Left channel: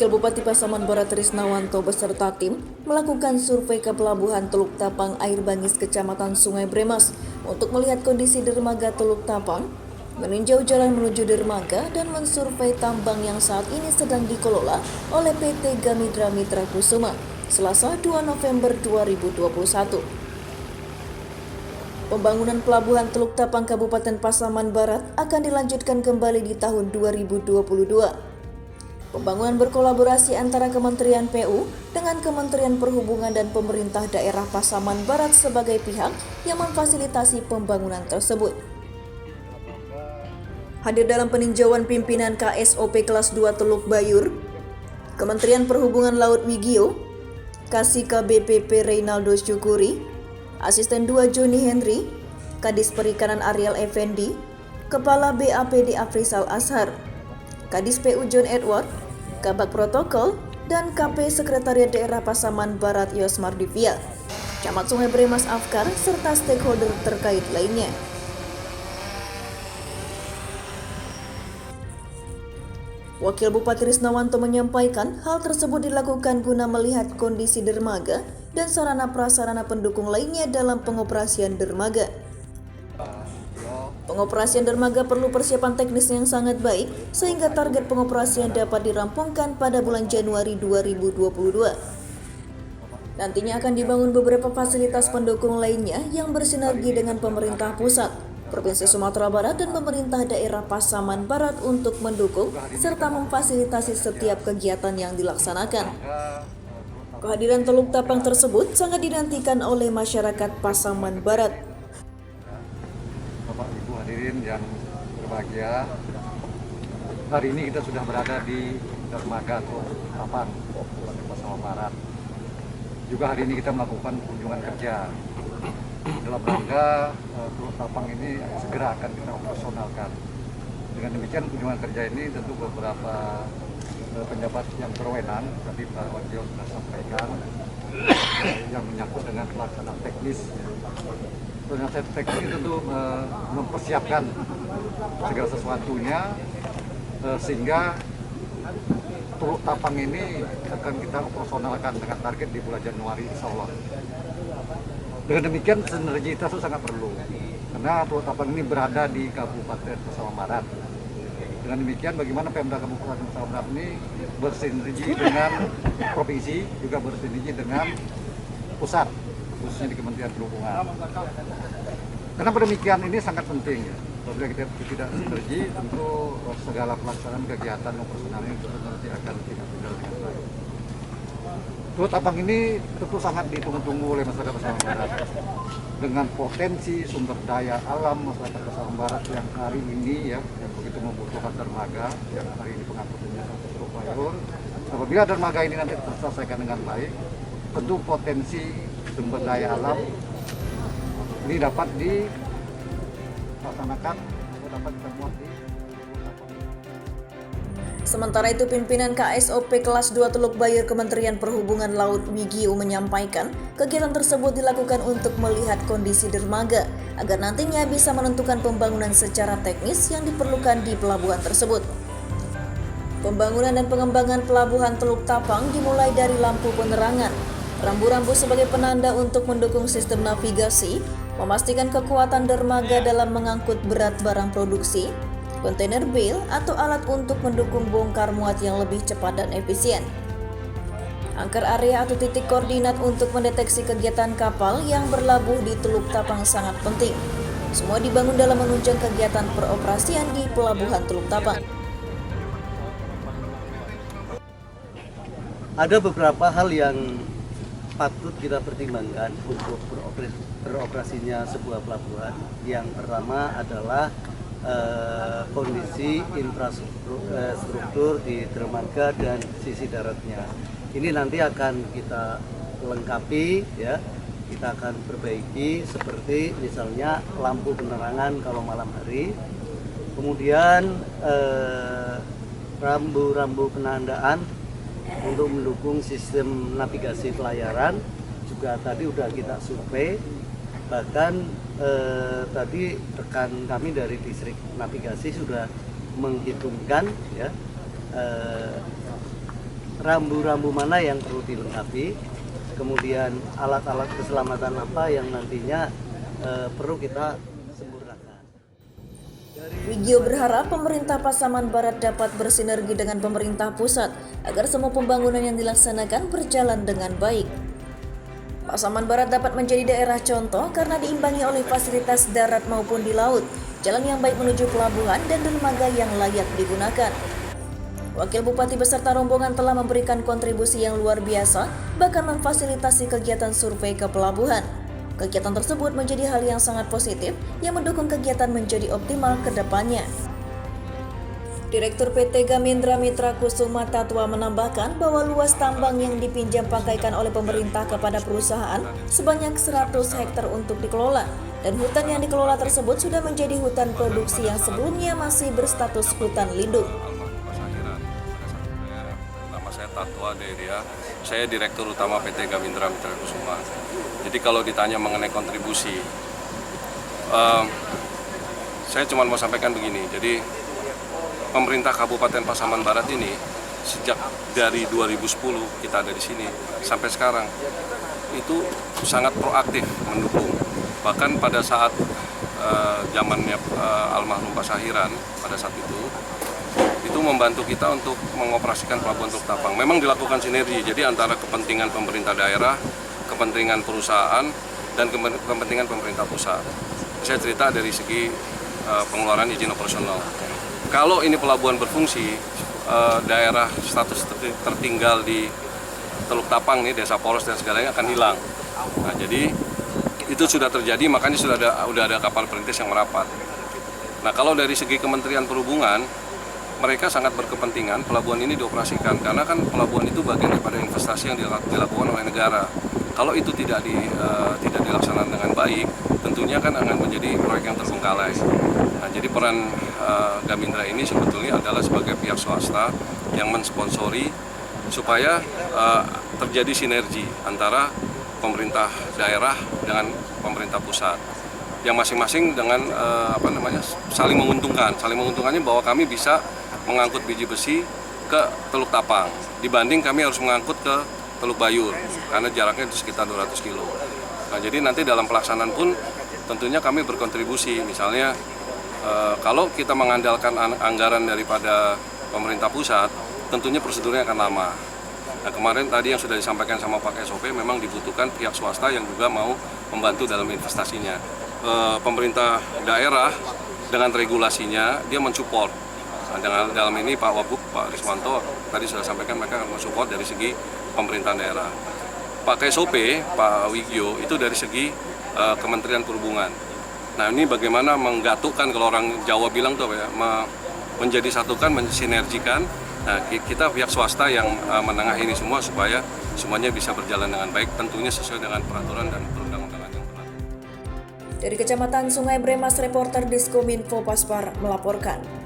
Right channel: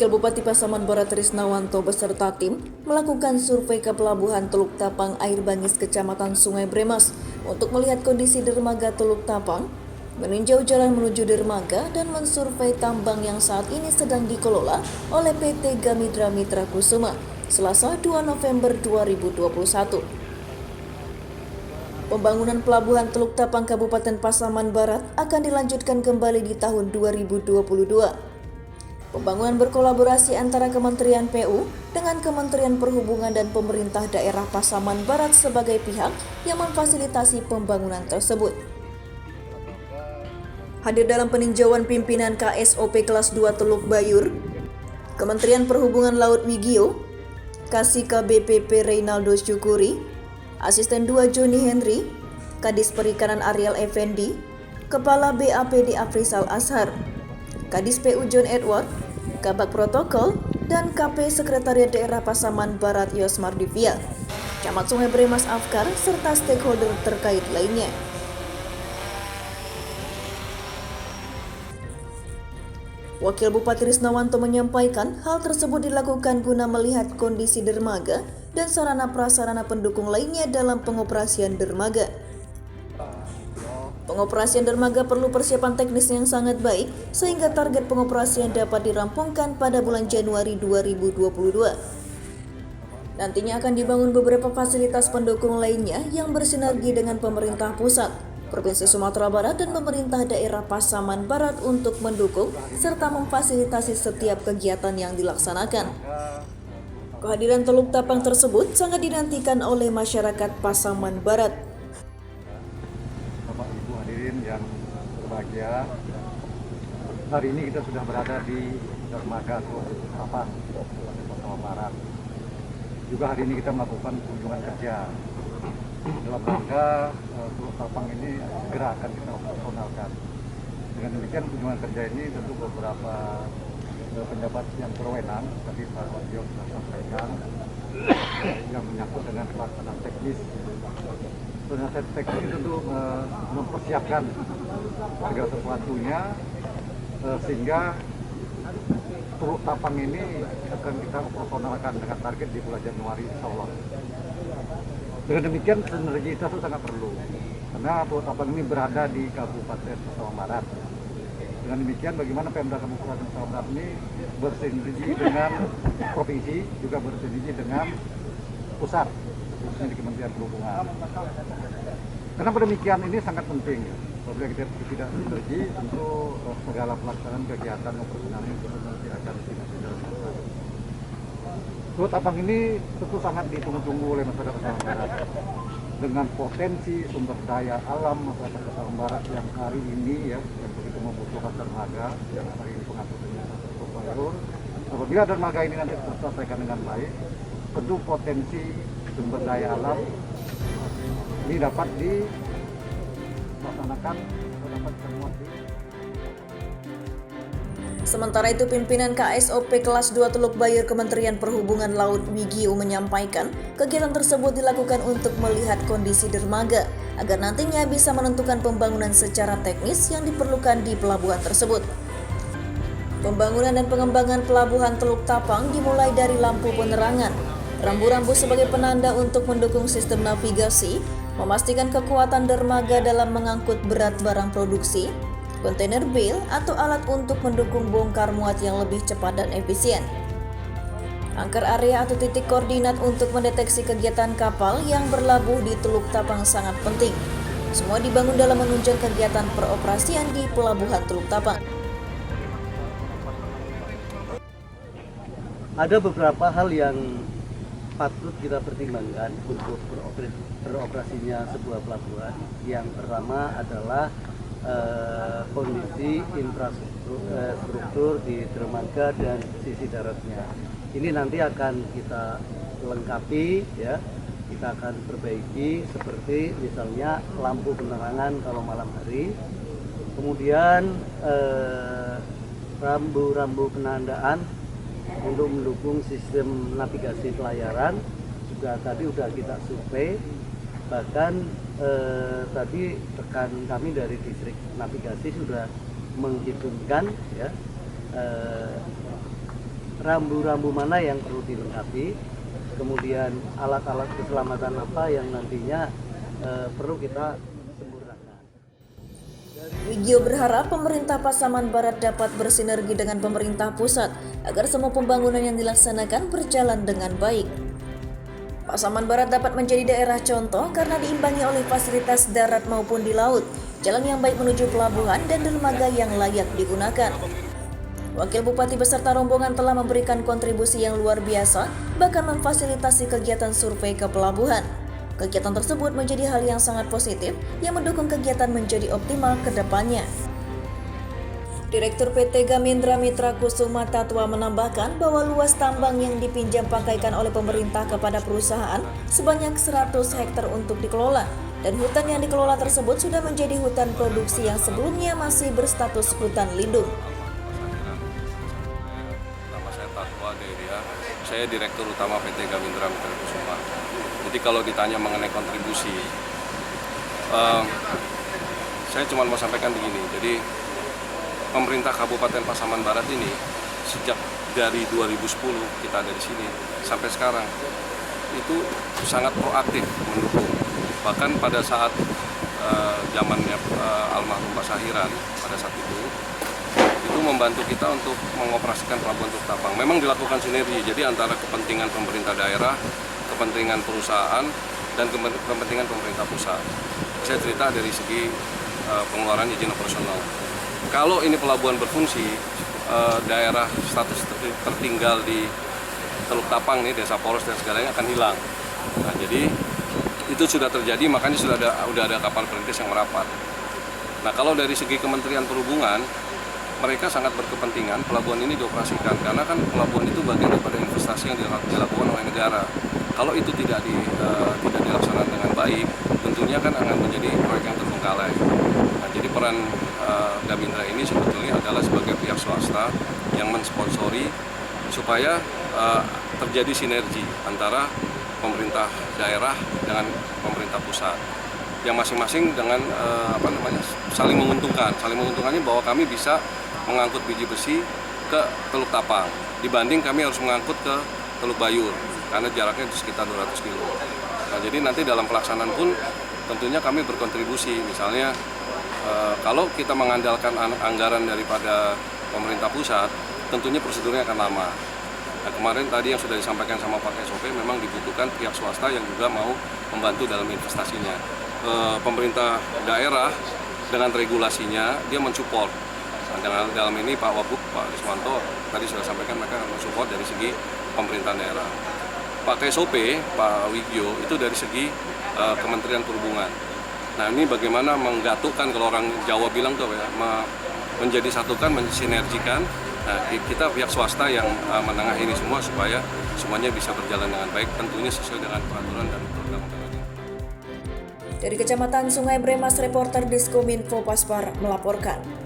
Wakil Bupati Pasaman Barat Trisnawanto beserta tim melakukan survei ke Pelabuhan Teluk Tapang Air Bangis Kecamatan Sungai Bremas untuk melihat kondisi dermaga Teluk Tapang, meninjau jalan menuju dermaga dan mensurvei tambang yang saat ini sedang dikelola oleh PT Gamidra Mitra Kusuma, Selasa 2 November 2021. Pembangunan Pelabuhan Teluk Tapang Kabupaten Pasaman Barat akan dilanjutkan kembali di tahun 2022. Pembangunan berkolaborasi antara Kementerian PU dengan Kementerian Perhubungan dan pemerintah daerah Pasaman Barat sebagai pihak yang memfasilitasi pembangunan tersebut. Hadir dalam peninjauan pimpinan KSOP kelas 2 Teluk Bayur, Kementerian Perhubungan Laut Wigio, Kasika BPP Reynaldo Syukuri, Asisten 2 Joni Henry, Kadis Perikanan Ariel Effendi, Kepala BAPD Afrizal Ashar, Kadis PU John Edward, Kabak Protokol, dan KP Sekretariat Daerah Pasaman Barat Yosmar Divia, Camat Sungai Bremas Afkar, serta stakeholder terkait lainnya. Wakil Bupati Trisnawanto menyampaikan hal tersebut dilakukan guna melihat kondisi dermaga dan sarana prasarana pendukung lainnya dalam pengoperasian dermaga. Pengoperasian dermaga perlu persiapan teknis yang sangat baik sehingga target pengoperasian dapat dirampungkan pada bulan Januari 2022. Nantinya akan dibangun beberapa fasilitas pendukung lainnya yang bersinergi dengan pemerintah pusat, Provinsi Sumatera Barat dan pemerintah daerah Pasaman Barat untuk mendukung serta memfasilitasi setiap kegiatan yang dilaksanakan. Kehadiran Teluk Tapang tersebut sangat dinantikan oleh masyarakat Pasaman Barat. Yang berbahagia, hari ini kita sudah berada di dermaga Teluk Tapang, Kabupaten Pasaman Barat. Juga hari ini kita melakukan kunjungan kerja dalam rangka Teluk Tapang ini segera akan kita operasionalkan. Dengan demikian kunjungan kerja ini tentu beberapa pejabat yang berwenang, tadi Pak Wakil sudah sampaikan, yang menyangkut dengan pelaksanaan teknis. Penasihat teknis tentu mempersiapkan segala sesuatunya sehingga Teluk Tapang ini akan kita operasionalkan dengan target di bulan Januari insya Allah. Dengan demikian sinergitas itu sangat perlu karena Teluk Tapang ini berada di Kabupaten Pasaman Barat. Dengan demikian bagaimana Pemda Kabupaten Pasaman Barat ini bersinergi dengan provinsi, juga bersinergi dengan pusat, khususnya di Kementerian Perhubungan. Kenapa demikian? Ini sangat penting ya. Apabila kita tidak sinergi, tentu segala pelaksanaan kegiatan operasionalnya nanti akan tidak berjalan dengan baik. Teluk Tapang ini tentu sangat ditunggu-tunggu oleh masyarakat Pasaman Barat. Dengan potensi sumber daya alam masyarakat Pasaman Barat yang hari ini ya, yang begitu membutuhkan dermaga, yang hari ini pengangkutannya Teluk Bayur. Apabila dermaga ini nanti terselesaikan dengan baik, tentu potensi sumber daya alam ini dapat dilaksanakan, dapat dimuat di. Sementara itu, pimpinan KSOP kelas 2 Teluk Bayur Kementerian Perhubungan Laut Wigio menyampaikan kegiatan tersebut dilakukan untuk melihat kondisi dermaga agar nantinya bisa menentukan pembangunan secara teknis yang diperlukan di pelabuhan tersebut. Pembangunan dan pengembangan Pelabuhan Teluk Tapang dimulai dari lampu penerangan, rambu-rambu sebagai penanda untuk mendukung sistem navigasi, memastikan kekuatan dermaga dalam mengangkut berat barang produksi, kontainer bale atau alat untuk mendukung bongkar muat yang lebih cepat dan efisien. Angker area atau titik koordinat untuk mendeteksi kegiatan kapal yang berlabuh di Teluk Tapang sangat penting. Semua dibangun dalam menunjang kegiatan peroperasian di Pelabuhan Teluk Tapang. Ada beberapa hal yang patut kita pertimbangkan untuk beroperasinya sebuah pelabuhan. Yang pertama adalah kondisi infrastruktur di dermaga dan sisi daratnya. Ini nanti akan kita lengkapi ya, kita akan perbaiki seperti misalnya lampu penerangan kalau malam hari, kemudian rambu-rambu penandaan untuk mendukung sistem navigasi pelayaran juga tadi sudah kita survei. Bahkan tadi rekan kami dari distrik navigasi sudah menghitungkan ya rambu-rambu mana yang perlu dilengkapi, kemudian alat-alat keselamatan apa yang nantinya perlu kita sempurnakan. Wigio berharap pemerintah Pasaman Barat dapat bersinergi dengan pemerintah pusat agar semua pembangunan yang dilaksanakan berjalan dengan baik. Pasaman Barat dapat menjadi daerah contoh karena diimbangi oleh fasilitas darat maupun di laut, jalan yang baik menuju pelabuhan dan dermaga yang layak digunakan. Wakil Bupati beserta rombongan telah memberikan kontribusi yang luar biasa, bahkan memfasilitasi kegiatan survei ke pelabuhan. Kegiatan tersebut menjadi hal yang sangat positif yang mendukung kegiatan menjadi optimal ke depannya. Direktur PT Gamindra Mitra Kusuma Tatwa menambahkan bahwa luas tambang yang dipinjam pakaikan oleh pemerintah kepada perusahaan sebanyak 100 hektar untuk dikelola, dan hutan yang dikelola tersebut sudah menjadi hutan produksi yang sebelumnya masih berstatus hutan lindung. Nama saya Tatwa Deria, saya Direktur Utama PT Gamindra Mitra Kusuma. Jadi kalau ditanya mengenai kontribusi, saya cuma mau sampaikan begini. Jadi pemerintah Kabupaten Pasaman Barat ini sejak dari 2010 kita ada di sini sampai sekarang itu sangat proaktif mendukung. Bahkan pada saat zamannya almarhum Pak Sahiran pada saat itu membantu kita untuk mengoperasikan pelabuhan Teluk Tapang. Memang dilakukan sinergi, jadi antara kepentingan pemerintah daerah, kepentingan perusahaan, dan kepentingan pemerintah pusat. Saya cerita dari segi pengeluaran izin operasional. Kalau ini pelabuhan berfungsi, daerah status tertinggal di Teluk Tapang nih, desa poros dan segalanya akan hilang. Nah, jadi itu sudah terjadi, makanya sudah ada kapal perintis yang merapat. Nah, kalau dari segi Kementerian Perhubungan, mereka sangat berkepentingan pelabuhan ini dioperasikan, karena kan pelabuhan itu bagian daripada investasi yang dilakukan oleh negara. Kalau itu tidak dilaksanakan dengan baik, tentunya kan akan menjadi proyek yang terbengkalai. Nah, jadi peran Gamindra ini sebetulnya adalah sebagai pihak swasta yang mensponsori supaya terjadi sinergi antara pemerintah daerah dengan pemerintah pusat, yang masing-masing dengan saling menguntungkan. Saling menguntungkannya bahwa kami bisa mengangkut biji besi ke Teluk Tapang dibanding kami harus mengangkut ke Teluk Bayur karena jaraknya sekitar 200 kilo. Nah, jadi nanti dalam pelaksanaan pun tentunya kami berkontribusi. Misalnya kalau kita mengandalkan anggaran daripada pemerintah pusat, tentunya prosedurnya akan lama. Nah, kemarin tadi yang sudah disampaikan sama Pak SOP, memang dibutuhkan pihak swasta yang juga mau membantu dalam investasinya. Pemerintah daerah dengan regulasinya dia mensupport. Nah, dalam ini Pak Wabub, Pak Riswanto tadi sudah sampaikan mereka akan mensupport dari segi pemerintahan daerah. Pak KSOP, Pak Wigio itu dari segi Kementerian Perhubungan. Nah, ini bagaimana menggatukkan, kalau orang Jawa bilang tuh ya, menjadi satukan, mensinergikan. Nah, kita pihak swasta yang menengahi ini semua supaya semuanya bisa berjalan dengan baik, tentunya sesuai dengan peraturan dan perundang-undangan yang berlaku. Dari Kecamatan Sungai Bremas, reporter Diskominfo Paspar melaporkan.